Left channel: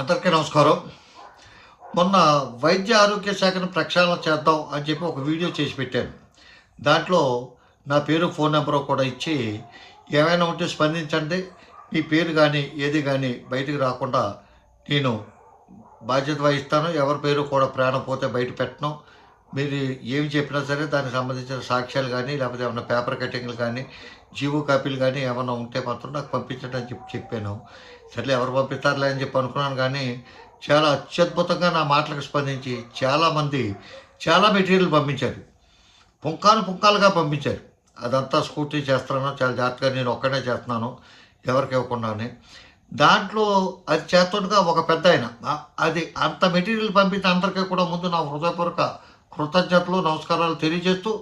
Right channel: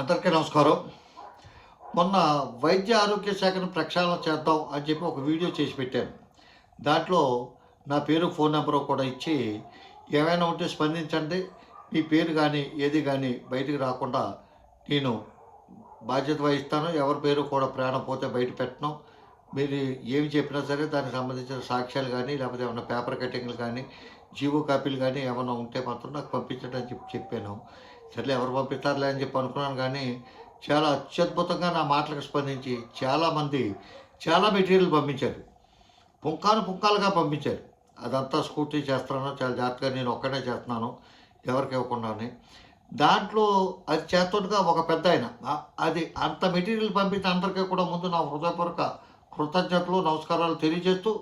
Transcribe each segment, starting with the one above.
అందరికీ నమస్కారం. మొన్న వైద్య ఆరోగ్య శాఖను ప్రక్షాళన చేద్దాం అని చెప్పి ఒక వీడియో చేసి పెట్టాను. దాంట్లో నా పేరు, ఫోన్ నెంబరు కూడా ఇచ్చి, ఏమైనా ఉంటే స్పందించండి. మీ పేరు కానీ ఏది కానీ బయటకు రాకుండా నేను బాధ్యత వహిస్తాను. ఎవరి పేరు కూడా ప్రాణం పోతే బయట పెట్టను. మీరు ఏమి చెప్పినా సరే దానికి సంబంధించిన సాక్ష్యాలు కానీ, లేకపోతే ఏమైనా పేపర్ కటింగ్లు కానీ, జీవో కాపీలు కానీ ఏమైనా ఉంటే మాత్రం నాకు పంపించండి అని చెప్పాను. సర్లే ఎవరు పంపిస్తారులే అని చెప్పి అనుకున్నాను. కానీ చాలా అత్యద్భుతంగా నా మాటలకు స్పందించి చాలామంది చాలా మెటీరియల్ పంపించారు. పుంకాలుగా పంపించారు. అదంతా స్కూటీ చేస్తున్నాను, చాలా జాగ్రత్తగా నేను ఒక్కనే చేస్తున్నాను, ఎవరికి ఇవ్వకుండానే. దాంట్లో అది చేస్తుండగా ఒక పెద్ద ఆయన అది అంత మెటీరియల్ పంపించిన అందరికీ కూడా ముందు నా హృదయపూర్వక కృతజ్ఞతలు, నమస్కారాలు తెలియజేస్తూ,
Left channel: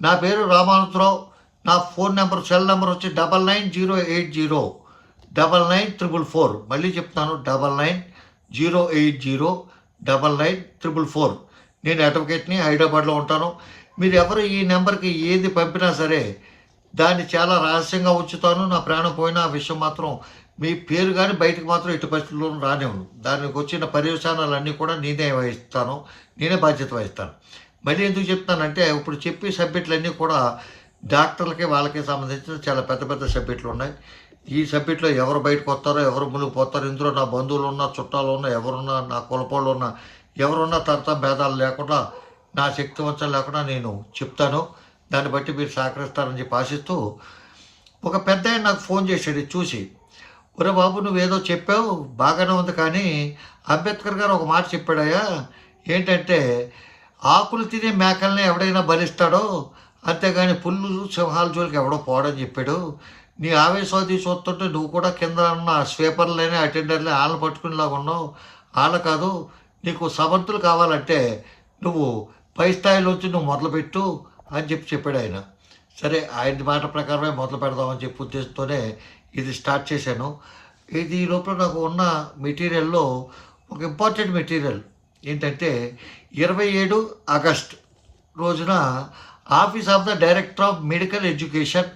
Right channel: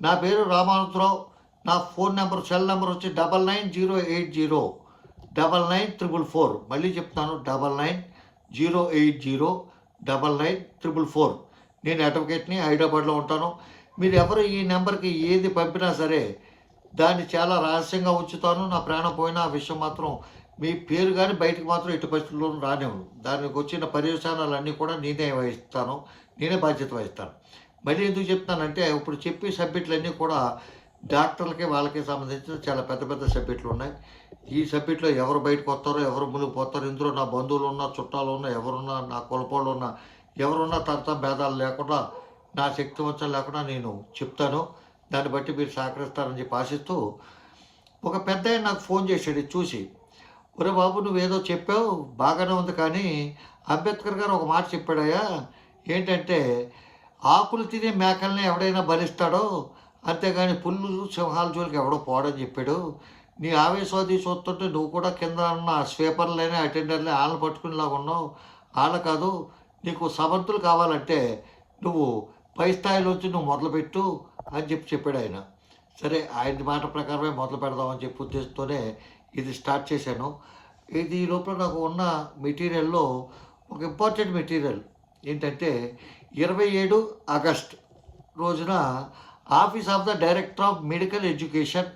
నా పేరు రామానందరావు. నా ఫోన్ నెంబర్, సెల్ నెంబర్ వచ్చి 9908099444. మళ్ళీ చెప్తాను, 9908099444. నేను అడ్వకేట్ని, హైదరాబాద్లో ఉంటాను. మీరు ఎవరు ఈ నెంబర్కి ఏది పంపినా సరే దాన్ని చాలా రహస్యంగా ఉంచుతాను. నా ప్రాణం పోయిన ఆ విషయం మాత్రం, మీ పేరు కానీ బయటకు మాత్రం ఎట్టి పరిస్థితుల్లోనూ రానివ్వను. దానికి వచ్చిన పర్యవసానాలన్నీ కూడా నేనే వహిస్తాను, నేనే బాధ్యత వహిస్తాను. మళ్ళీ ఎందుకు చెప్తానంటే, ఇప్పుడు చెప్పే సబ్జెక్టులన్నీ కూడా డాక్టర్లకి వాళ్ళకి సంబంధించిన చాలా పెద్ద పెద్ద సబ్జెక్టులు ఉన్నాయి. ఈ సబ్జెక్టులో ఎవరు బయటకు వస్తారో, ఎవరు ముందుకు పోతారో, ఇందులో నా బంధువులు ఉన్నా, చుట్టాలు ఉన్నా, ఎవరున్నా, నా కులపోళ్ళు ఉన్నా, ఎవరున్నా తరతం భేదాలు లేకుండా, నా శక్తి వంచం లేకుండా నేను చెప్తాను. దాన్ని బట్టి మీరు సహకరిస్తారని చెప్పి ఆశిస్తూ, ఒక పెద్ద ఆయన నాకు ఫోన్ చేశాడు ఇది చూసి. ఒరే బాబు, నువ్వేదో చెప్పావు బాగానే ఉంది, కానీ అంబేద్కర్ గారు ఒక మాట చెప్పాడయ్యా. ఏంటంటే, ఆకులు తినే మేకల్ని ఎవడైనా బలిస్తాడో, అంతేగాని పుల్లు సింహాల జోలికి ఎవడో పోవడని చెప్పాడు. నీ ఆవేశవాది చూస్తుంటే నువ్వు కూడా కింద ఉన్న స్వీపర్లేని, అటెండర్లే వాళ్ళని పట్టుకునేలాగా ఉన్నావు. వాళ్ళ కాదు, నీకు సమర్థులు కావాలంటే నువ్వు పై స్థాయిలోంచి నువ్వు మొదలుపెట్టు అని చెప్పాడు ఆయన. సరే, ఆయన మాట ప్రకారమే మొదలు పెడదామని చెప్పి ఉద్దేశంతోనే ఇది స్టార్ట్ చేశాను. ఇది ఈ లోపల నాకు ఉన్న మెటీరియల్లో ఒక ఇంపార్టెంట్ మెటీరియల్ ఏంటంటే, 27 ఆగస్ట్ రోజున office of the director of medical education,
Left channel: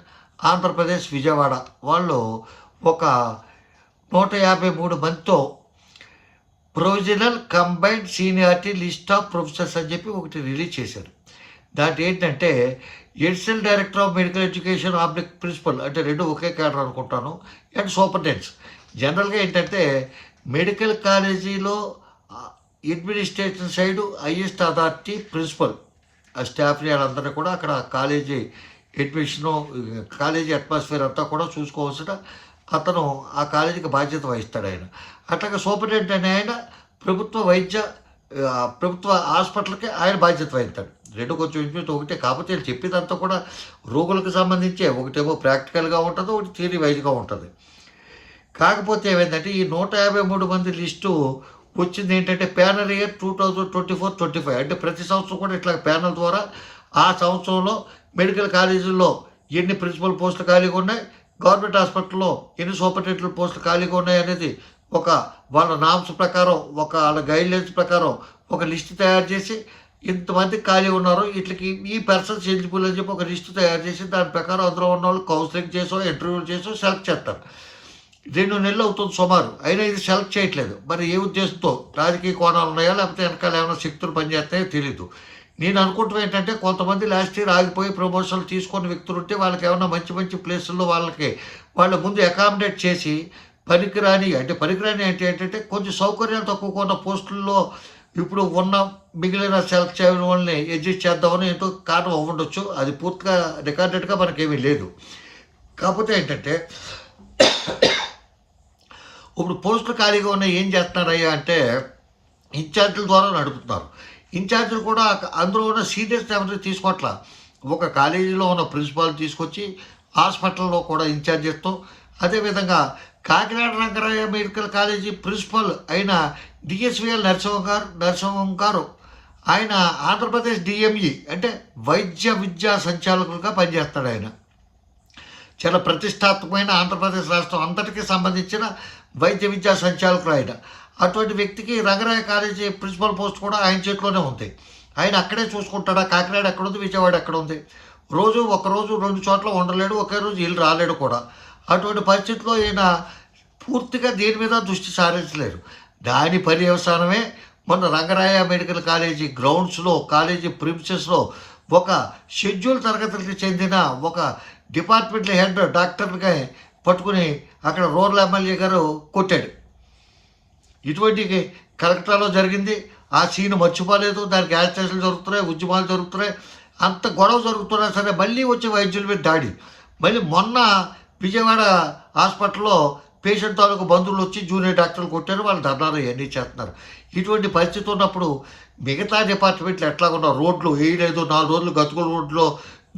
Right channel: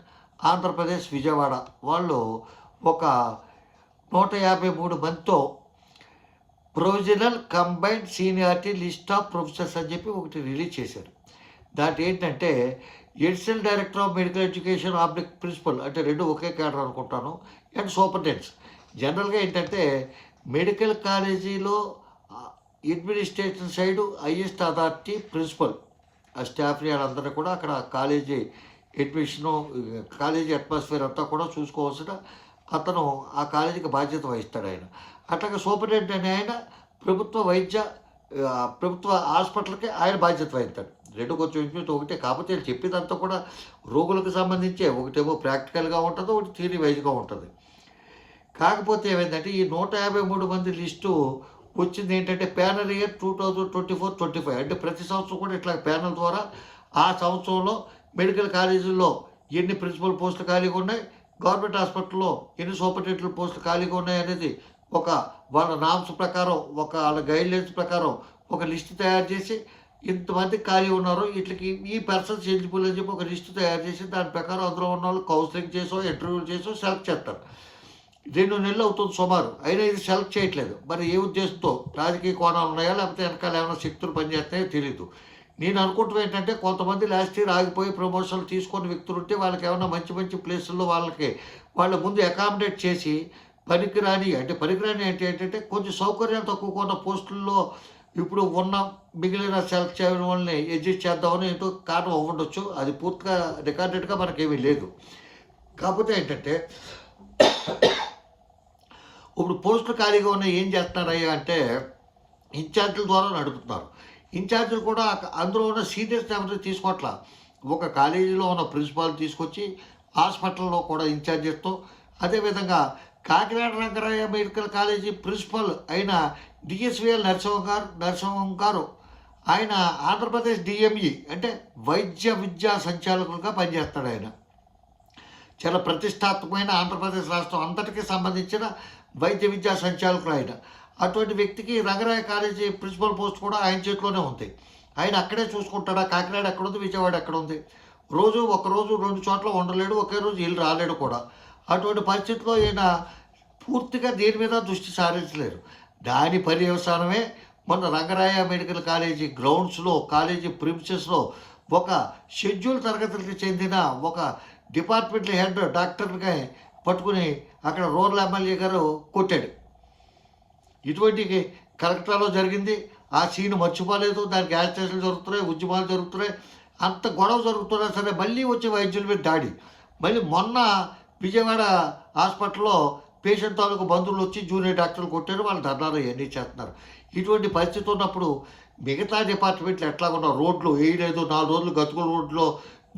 Andhra Pradesh, Vijayawada వాళ్ళు ఒక 153 మందితో provisional combined seniority list of professors అని చెప్పి ఒకటి రిలీజ్ చేశారు. దాంట్లో ఏంటంటే, additional director of medical education, oblique principal, అంటే రెండు ఒకే క్యాడర్ అనుకుంటాను, అండ్ సూపరింటెండెంట్స్. జనరల్గా ఏంటంటే, మెడికల్ కాలేజీలో administration side highest authority principal. ఆ స్టాఫ్ని వాళ్ళందరినీ కూడా అక్కడ కాలేజీ అడ్మిషను, కాలేజీ అట్మాస్ఫియర్ అంతా కూడా చూసుకోవాల్సిన అతను ఆ కాలేజీకి బాధ్యత వహిస్తాడు ఆయన. అట్లాగే సూపరింటెండెంట్ అనే ఆయన ప్రభుత్వ హాస్పిటల్కి ఆయన బాధ్యత వహిస్తాడు. రెండు కొంచెం ఇంచుమించు ఒకటే, కాకపోతే వీళ్ళు చెప్పేదంతా కూడా రోగులకు సంబంధించే. ఒకటేమో ప్రాక్టికల్గా ఉంటుంది, ఒకటి థియరీ వైజ్గా ఉంటుంది. కాకపోతే ఏమైందంటే, ఈ 153 మంది లిస్టు వచ్చింది ఏంటంటే, ప్యానల్ ఇయర్ 2024-25. అంటే ప్రతి సంవత్సరం కూడా ఇట్లా ప్యానల్ ద్వారా ఆ సంవత్సరంలో మెడికల్ కాలేజీల్లో ఎన్ని ప్రిన్సిపల్ పోస్టులు ఖాళీగా ఉన్నాయి, గవర్నమెంట్ హాస్పిటల్లో ఎన్ని సూపరింటెండెంట్ పోస్టులు ఖాళీగా ఉన్నాయి అనేది ఒక వాళ్ళ నామ్స్ ప్రకారం, ఒక వాళ్ళ గైడ్లైన్స్ ప్రకారం ఒక లిస్ట్ తయారు చేసి, ఇంతమంది ఖాళీ ఉన్నారు, వీటికి ఈ పర్సన్స్ ఎలిజిబుల్ అని చెప్పి ఒక లిస్టు తయారు చేసి, దాని ప్రకారం అందులో ఉన్న వాళ్ళు కౌన్సిలింగ్ చేసో, ఇంటర్వ్యూలు చేసో సెలెక్ట్ చేస్తారు. 2 నెలలు అవుతుంది సుమారు, అయినా ఇది సెలెక్ట్ చేయట్లేదు. మరి ఏ ఉద్దేశంతో, రాజకీయ కోణాలు ఉన్నాయా, లేకపోతే వెనకాల ఏమైనా శక్తులు పనిచేస్తాయో తెలీదు. నేను అనుకుంటాం ఏంటంటే, కొంతమంది లాస్ట్ ఇయర్ ఆగిపోయి ప్రమోషన్లు తీసుకునే వ్యక్తులు ఉంటే వాళ్ళకి ఏమైనా మంచి మంచి ప్లేసుల్లో వాళ్ళ ముందు అకామిడేట్ చేసి, పనికిరాని అంటే ఏంటంటే కొంచెం సౌకర్యాలు తక్కువగా ఉన్న పోస్టుల్లో ఇప్పుడు ఉన్న మిగిలిన సెలెక్ట్ చేయడం వాళ్ళని అడ్జస్ట్ చేద్దామని ఎంతో కారణం అవ్వండొచ్చు. అది పూర్తిగా రికార్డెడ్గా మనకేమీ లేదు. కాకపోతే ఏంటంటే, ఇప్పుడు పోస్టులు ఖాళీగా ఉన్నాయి, ఏం చేస్తున్నారయ్యా అంటే, ఇన్ఛార్జీల ద్వారా నడుపుతున్నారు. ఇన్ఛార్జీలు కూడా అందులో ఉన్న సీనియర్స్ ఎవరిని తీసుకోవట్లా. ఒక కాలేజీలో ఉన్న ప్రిన్సిపాల్ తీసుకొచ్చి హాస్పిటల్లో కూడా ఇన్ఛార్జ్ చేస్తాం. అదేవిధంగా Kakinada Rangaraya medical college principal అయిన డిఎస్విఎల్ నరసింహం గారు, ఆయన ఆంధ్రప్రదేశ్ డిఎంఈ అంటే వైద్య విద్యా సంచాలకులుగా పనిచేస్తాడు. ఆయన చాలా ప్రతిష్టాత్మకమైన ఆంధ్రప్రదేశ్ రాష్ట్రం అంతటికీ సంబంధించిన వైద్య విద్యా సంచాలకులు ఆయన. అటువంటి వ్యక్తికి రంగరాయ కాలేజీ ప్రిన్సిపల్ పోస్ట్ కూడా ఆయన చేతిలోనే ఉంది. ఆయన అక్కడే చూసుకుంటాడా? కాకినాడ ఎక్కడుంది, విజయవాడ ఎక్కడ ఉంది? ఒకరోజు 2 చోట్ల ఉండలేడు, ఒకే రోజు వీళ్ళు రాలేడు కూడా. అటువంటి పరిస్థితిలో ఈయన పూర్తిగా దేని మీద దృష్టి సారించలేరు. దాని పర్యవసానమే మొన్న రంగరాయ మెడికల్ కాలేజీ గ్రౌండ్స్లో, కాలేజీ ప్రిమిసెస్లో ఒక షెడ్యూల్ తరగతులకు చెందిన ఒక డిపార్ట్మెంట్ హెడ్ డాక్టర్గా పట్టుకుని అక్కడ రూరల్ ఎమ్మెల్యే గారు కొట్టాడు. ఇటువంటి కలెక్టర్లో జరిగింది. ఆ సీన్ మర్చిపోలేదు. దానికి యాజిటేషన్లు జరుగుతున్నాయి, ఉద్యమాలు జరుగుతున్నాయి, అంత గొడవ జరుగుతున్నా సరే మళ్ళీ వచ్చే వైద్యుల మీద దాడి. మళ్ళీ మొన్న విజయవాడ హాస్పిటల్లో పేషెంట్ తాలూకు బంధువులు వచ్చి జూనియర్ డాక్టర్లు కొట్టారు, వాళ్ళు ధర్నాలు ఇవన్నీ చేస్తున్నారు. ఇటువంటి పరిస్థితి ఉన్నప్పుడు మిగతా డిపార్ట్మెంట్లు ఎట్లా ఉన్నారు? రోడ్లు వేయలేదు, 4 రోజులు గతుకుల రోడ్లో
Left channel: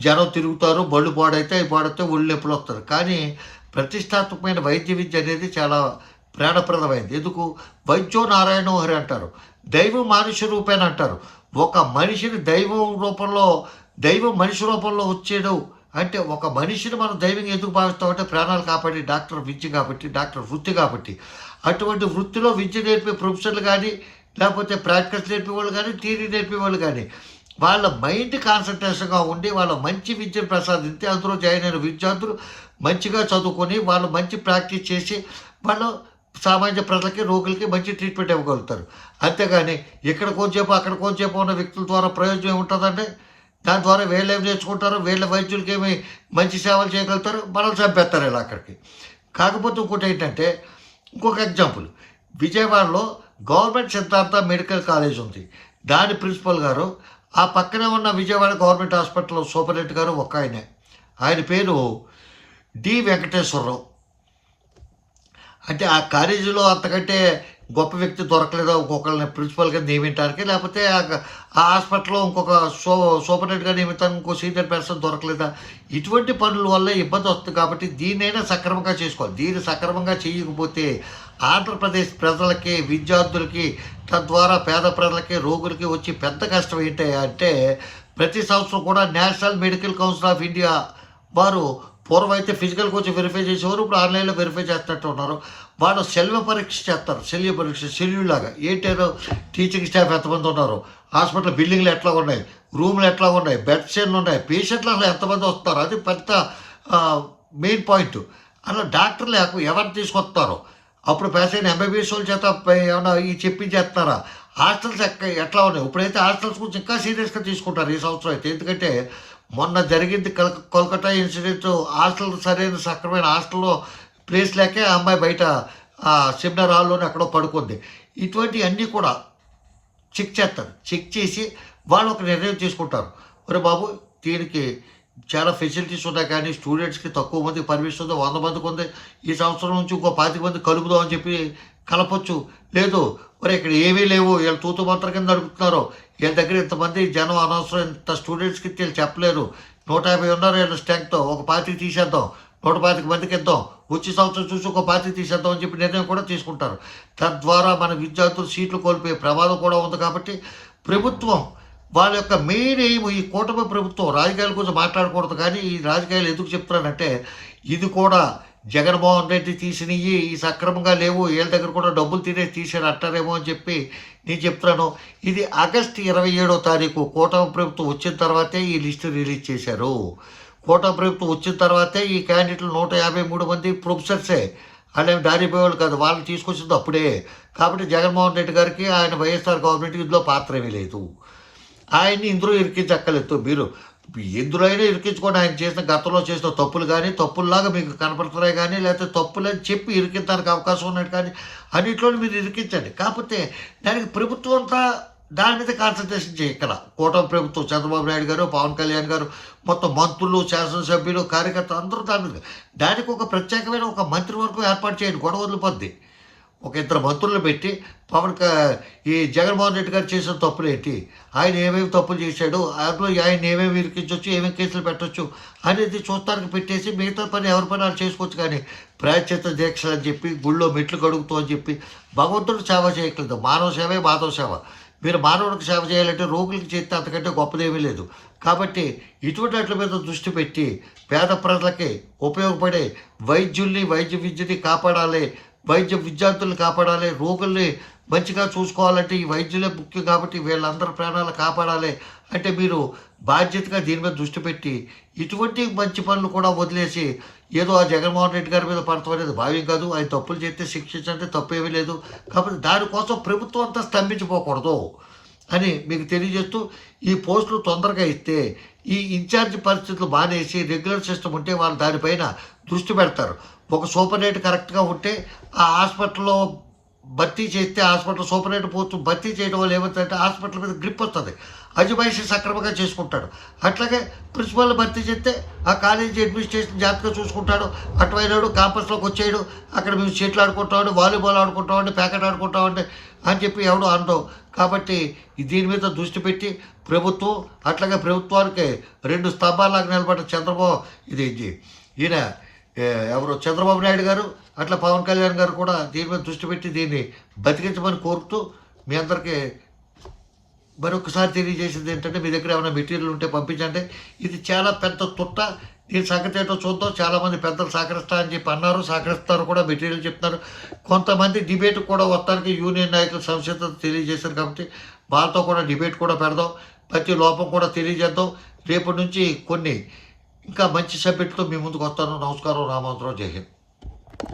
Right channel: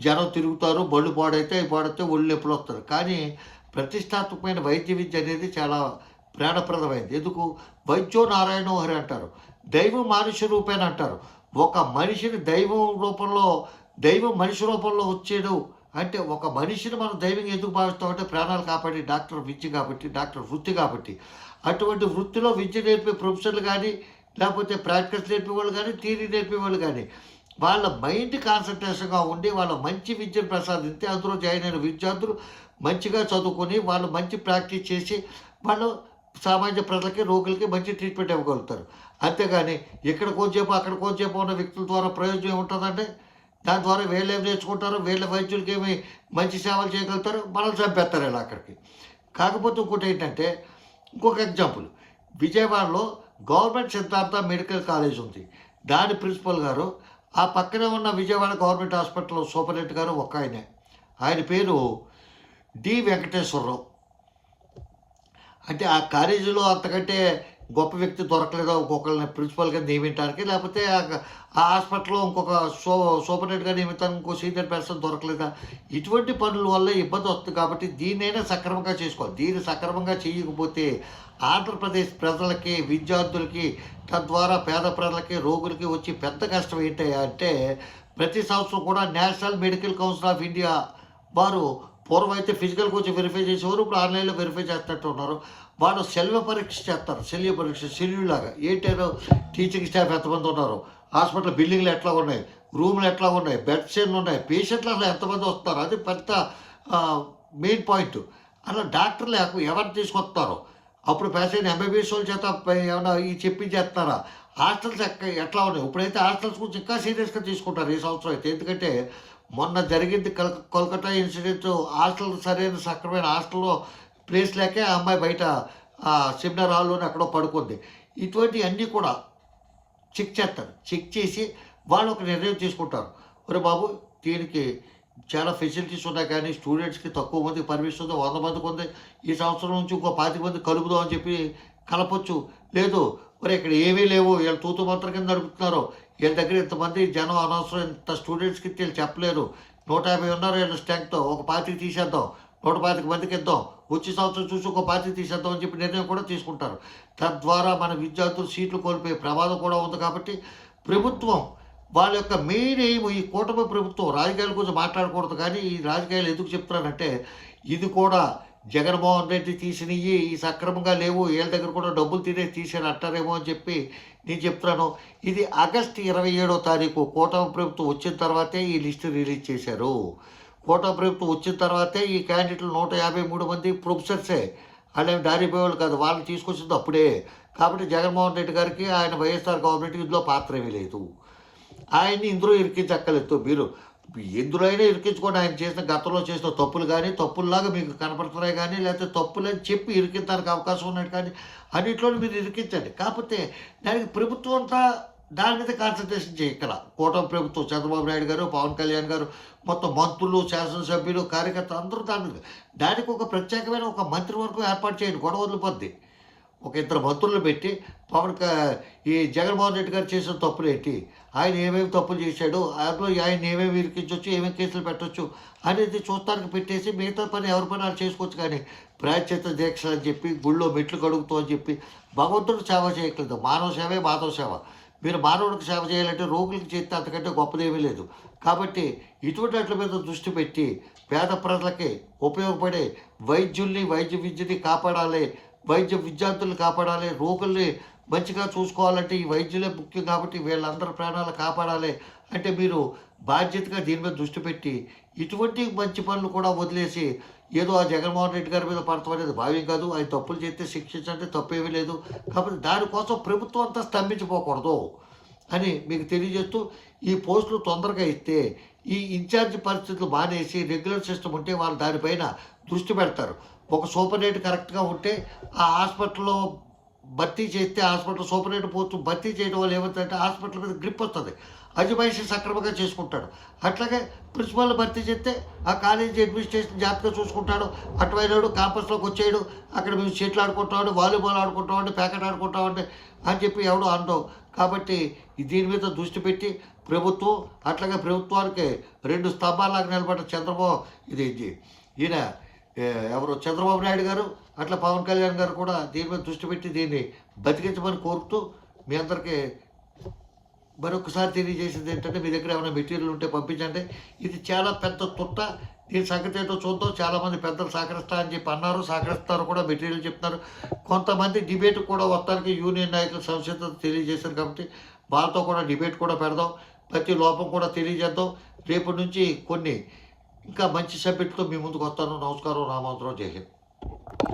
జనం తిరుగుతారు, బళ్ళు పాడైతే అవి పాడితే ఒళ్ళు నొప్పులు వస్తారు. కానీ ప్రతిష్టాత్మకమైన వైద్య విద్య అనేది చాలా ప్రాణప్రదమైంది. ఎందుకు? వైద్యో నారాయణో హరి అంటారు, దైవం మనిషి రూపేణ అంటారు. ఒక మనిషిని దైవం మనిషి రూపంలో వచ్చాడు అంటే ఒక మనిషిని మనం దైవంగా ఎందుకు భావిస్తామంటే ప్రాణాలు కాపాడి డాక్టర్ విద్య కాబట్టి, డాక్టర్ వృత్తి కాబట్టి. అటువంటి వృత్తిలో విద్య నేర్పే ప్రొఫెసర్లు కానీ, లేకపోతే ప్రాక్టీస్ నేర్పే వాళ్ళు కానీ, థియరీ నేర్పే వాళ్ళు కానీ వాళ్ళ మైండ్ కాన్సన్ట్రేషన్గా ఉండి వాళ్ళ మంచి విద్యను ప్రసాదిస్తే అందులో జాయిన్ అయిన విద్యార్థులు మంచిగా చదువుకొని వాళ్ళు మంచి ప్రాక్టీస్ చేసి వాళ్ళు సామాన్య ప్రజలకి, రోగులకి మంచి ట్రీట్మెంట్ ఇవ్వగలుగుతారు. అంతేగాని ఇక్కడ కొంచెంసేపు అక్కడ కొంచెంసేపు ఉన్న వ్యక్తుల ద్వారా ప్రయోజనం ఏముంటుందంటే దాని ద్వారా వీళ్ళు ఏం నేర్చుకుంటారు, వీళ్ళ వైద్యులకి ఏమి మంచి సేవలు చేయగలుగుతారు, మనల్ని చంపేస్తారు ఇలా అక్కడికి. కాకపోతే ఇంకోటి ఏంటంటే, ఇంకొక ఎగ్జాంపుల్, విజయవాడలో గవర్నమెంట్ సిద్ధార్థ మెడికల్ కాలేజ్ ఉంది. దాని ప్రిన్సిపల్ గారు ఆ పక్కనే ఉన్న విజయవాడ గవర్నమెంట్ హాస్పిటల్లో సూపరింటెండెంట్ గారు ఒక ఆయన పేరు డి వెంకటేశ్వరరావు. అంటే ఆ కాలేజీలో అంతకంటే గొప్ప వ్యక్తి దొరకలేదు ఇంకొకరిని ప్రిన్సిపల్గా నియమించడానికి, లేకపోతే ఆ హాస్పిటల్లో ఇంకొక సూపరింటెండెంట్గా నియమించడానికి ఇంకో సీనియర్ పర్సన్ దొరకలేదా? ఇటువంటి పనుల వల్ల ఇబ్బంది వస్తుంది. కాబట్టి దీన్నైనా సక్రమంగా చేసుకోవాలి. దీన్ని సక్రమంగా చేయకపోతే ఆంధ్రప్రదేశ్ ప్రజలకి, విద్యార్థులకి, తద్వారా పేద ప్రజలకి, రోగులకి వచ్చి పెద్ద కష్టం ఏంటి అంటే, ప్రతి సంవత్సరం కూడా national medical council of India వారు పూర్వం అయితే ఫిజికల్కి వచ్చి వెరిఫై చేసేవారు, ఇప్పుడు ఆన్లైన్లో వెరిఫై చేస్తున్నట్టు ఉన్నారు. వాళ్ళు సెల్వ పరీక్ష చేస్తారు, శల్య పరీక్ష షెడ్యూల్ లాగా. ఏంటో టీచింగ్ స్టాఫ్ ఎంతమంది ఉన్నారు, హాస్పిటల్ బిల్డింగ్లు ఎట్లా ఉన్నాయి, రూమ్లు ఎట్లా ఉన్నాయి, బెడ్స్ ఎన్ని ఉన్నాయి, పేషెంట్లు అసలు ఎంతమంది వస్తారు, అది పెద్ద మెయిన్ పాయింట్. అలా డాక్టర్లు ఎవరు తీసుకొస్తారో అప్పుడు పేషెంట్ ఎంబీబీఎస్ వాళ్ళ చేత ఏమన్నా ఈ చెప్పించేస్తున్నారా? హాస్టల్స్ ఎట్లా ఉన్నాయి? ఇప్పుడైతే హాస్టల్స్ గురించి ఇంకా సీరియస్గా తీసుకుంటారు ఈ సంవత్సరం అయితే. ఎందుకంటే మొన్న జరిగింది కోల్కతా ఇన్సిడెంట్. హాస్టల్ సరైన సక్రమైన హాస్టల్లో ప్లేస్ లేకే ఆ అమ్మాయి బయట సెమినార్ హాల్లోనే ఎక్కడో పడుకుంది. ఇటువంటి అన్నీ కూడా చెక్ చేస్తారు. చెక్ చేసి వాళ్ళు ఒక నిర్ణయం తీసుకుంటారు, ఒరే బాబు దీనికి చాలా ఫెసిలిటీస్ ఉన్నాయి కానీ స్టూడెంట్స్కి తక్కువ మంది పర్మిషన్ ఉంది, 100 మందికి ఉంది, ఈ సంవత్సరం నుంచి ఇంకో 25 మంది కలుపుదాం అని చెప్పి కలపొచ్చు. లేదు మరి ఇక్కడ ఏమీ లేవు, వీళ్ళు తూతు మంత్రం కింద నడుపుతున్నారు, వీళ్ళ దగ్గర ఇంతమంది జనం అనవసరం, ఇంత స్టూడెంట్స్కి వీళ్ళు చెప్పలేరు, 150 ఉన్నారు వీళ్ళ స్ట్రెంగ్తో, ఒక 25 తీసేద్దాం, 125 మందికి ఇద్దాం, వచ్చే సంవత్సరం చూసి ఒక 25 తీసేద్దాం అని చెప్పి నిర్ణయం కూడా తీసుకుంటారు. తద్వారా మన విద్యార్థులు సీట్లు కోల్పోయే ప్రమాదం కూడా ఉంది. కాబట్టి ప్రభుత్వం వాళ్ళ యొక్క మెయిన్ ఎయిమ్, ఈ కూటమి ప్రభుత్వం రాజకీయాల గురించి మాట్లాడకూడదు కానీ ఈ రాజకీయాలు ఎందుకు చెప్తున్నానంటే, ఇది కూడా జగన్మోహన్ రెడ్డి తీసినవి ఈ సక్రమంగా లేవు, వీళ్ళ దగ్గర కూడా డబ్బులు తీసారు అంటారేమో అని చెప్పి నేను చెప్తున్నాను. ఇది ఆగస్టు 27వ తారీఖు కూటమి ప్రభుత్వం వచ్చిన తర్వాతే ఈ లిస్టు రిలీజ్ చేశారు. కూటమి ప్రభుత్వం వచ్చిన తర్వాతే ఈ క్యాండిడేట్లు 153 మంది ప్రొఫెసర్సే, వాళ్ళేమి దారిపోయేవాళ్ళు కాదు, వాళ్ళని తీసుకొచ్చింది అప్పుడే. కాబట్టి జగన్మోహన్ రెడ్డి గారికి ఆయన వైఎస్ఆర్ గవర్నమెంట్ ఇందులో పాత్ర ఏమీ లేదు. ఆయన్ని ఇందులో ఇరికించక్కర్లేదు. మీరు ఎందులో అయినా ఇరికించుకోండి, ఆయన చేసిన గతంలో చేసిన తప్పులు కానీ తప్పుల్లాగా మీకు కనపడుతున్నాయి కానీ, లేకపోతే తప్పులని చెప్పి ఇరికించడానికి అవకాశం ఉన్నట్టు కానీ అన్నింటిలో మీరు ఇరికించండి. కాకపోతే దానికి ప్రభుత్వం అంతా దాని మీద కాన్సన్ట్రేషన్ చేయి. ఇక్కడ కూటమి ప్రభుత్వం, చంద్రబాబు నాయుడు గారు, పవన్ కళ్యాణ్ గారు, మొత్తం మంత్రులు, శాసనసభ్యులు, కార్యకర్తలు అందరూ దానికి ఒక ప్రత్యేకమైన ఒక మంత్రివర్గం ఏర్పాటు చేయండి, గొడవ వదిలిపోద్ది. ఒక 2 మంత్రులు పెట్టి ఈ జగన్మోహన్ రెడ్డి గారు చేసిన తప్పులు ఏంటి, ఆయన ఏమేమి తప్పులు చేశాడు, అందులో ఆయన ఏమేమి ఇరికించవచ్చు, ఏమేమి కేసులు పెట్టవచ్చు అనేది చూస్తానికి పెట్టేసి మిగతా పని ఎవరి పని వాళ్ళు చేసుకోవచ్చు. కానీ ప్రాయశ్చిత్త దీక్షలు అని చెప్పి, గుళ్ళో మెట్లు కడుగుతూ అని చెప్పి భగవంతుడు సేవ చేయట్లేదు. మానవ సేవే మాధవ సేవ. మీరు మానవుడికి సేవ చేయాలంటే రోగులకి చేస్తే అంతకంటే గొప్పదేమీ లేదు. కాబట్టి ఇటువంటి వాటి మీద దృష్టి పెట్టి పేద ప్రజలకి ఉపయోగపడే వైద్యుల్ని, వైద్య విద్యని కాపాడాలి, వైద్య విద్యార్థులను కాపాడాలి, రోగుల్ని మంచిగా చూసుకోవాలంటే ఈ వైద్యులే ముఖ్యం. కాబట్టి వీళ్ళందరి ప్రాణాలు కాపాడాలి అంటే మీరు బాధ్యతగా దీని మీద దృష్టి పెట్టి ఇటువంటి మంచి పనులు కూడా వదిలేసి ఏదో ఆ జగన్మోహన్ రెడ్డి గారి మీద పడతాం అనేది భావ్యం కాదు. ఆయన తప్పులు చేస్తే శిక్షించంటే తప్పేమీ లేదు. కాబట్టి దానికోసం ప్రభుత్వం అంతా స్తంభించిపోకూడదు అని మీకు తెలియజేస్తూ, ఈ పోస్టులు తొందరగా ఇస్తే ఈ ఇన్ఛార్జ్ పరిస్థితులు మానేసి రెగ్యులర్ సిస్టమ్ ఉంటే వాళ్ళు దానిపైన దృష్టి పెడతారు. ఒక సూపరింటెండెంట్ కరెక్ట్గా ఉంటే ఆ హాస్పిటల్‌లో భర్తీ చేస్తే హాస్పిటల్ సూపరింటెండెంట్ పోస్ట్ భర్తీ చేయడం వల్ల ఏమవుతుందంటే హాస్పిటల్ మీద గ్రిప్ వస్తుంది. అజమాయిషీ సక్రమంగా చేసుకుంటాడు. అట్లాగే ప్రిన్సిపాల్ని భర్తీ చేస్తే ఆ కాలేజీ అడ్మినిస్ట్రేషన్ జాగ్రత్తగా చూసుకుంటాడు. అటువైనాడు క్యాంపస్లోకి వచ్చేయడు. అక్కడ మేము షటిల్ ఆడుకుంటామండి, వాలీబాల్ ఆడుకుంటామండి, ప్యాకెట్ ఆడుకుంటామండి అని చెప్పి ఎవడో అనడం. కాబట్టి దీని మీద దృష్టి పెట్టి ప్రభుత్వం, అట్లాగే ప్రభుత్వానికి 2 స్తంభాల్లాగా నిలబడ్డ ఈయన ఎవరు చంద్రబాబు నాయుడు గారు, అట్లా పవన్ కళ్యాణ్ గారు కూడా దీని మీద దృష్టి పెట్టి దీన్ని బతికించమని కోరుతూ మీ అందరికీ మరొకసారి తెలియజేసింది ఏంటంటే, మీ దగ్గర ఏమైనా మెటీరియల్ ఉంటే పంపించండి. ఇది చాలా పెద్ద తుట్ట. దీని సంగతి ఏంటో చూద్దాం. చాలామంది పెద్దలు సహకరిస్తా అని చెప్పి అన్నారు, సహకరిస్తారు కూడా, మెటీరియల్ చెప్తున్నారు. కొంతమంది డిబేట్ కూడా వస్తానికి యూనియన్ నాయకులు సంసిద్ధత తెలియజేశారు. కాబట్టి వాళ్ళతో కూడా డిబేట్ కూడా పెడదాం. ప్రతి లోపం కూడా తెలియజేద్దాం. రేపటి నుంచి కొన్ని ఇంకా మంచి సబ్జెక్టుతో మీ ముందుకు వస్తాను. నమస్కారం. రామోజీరావు. జై హింద్.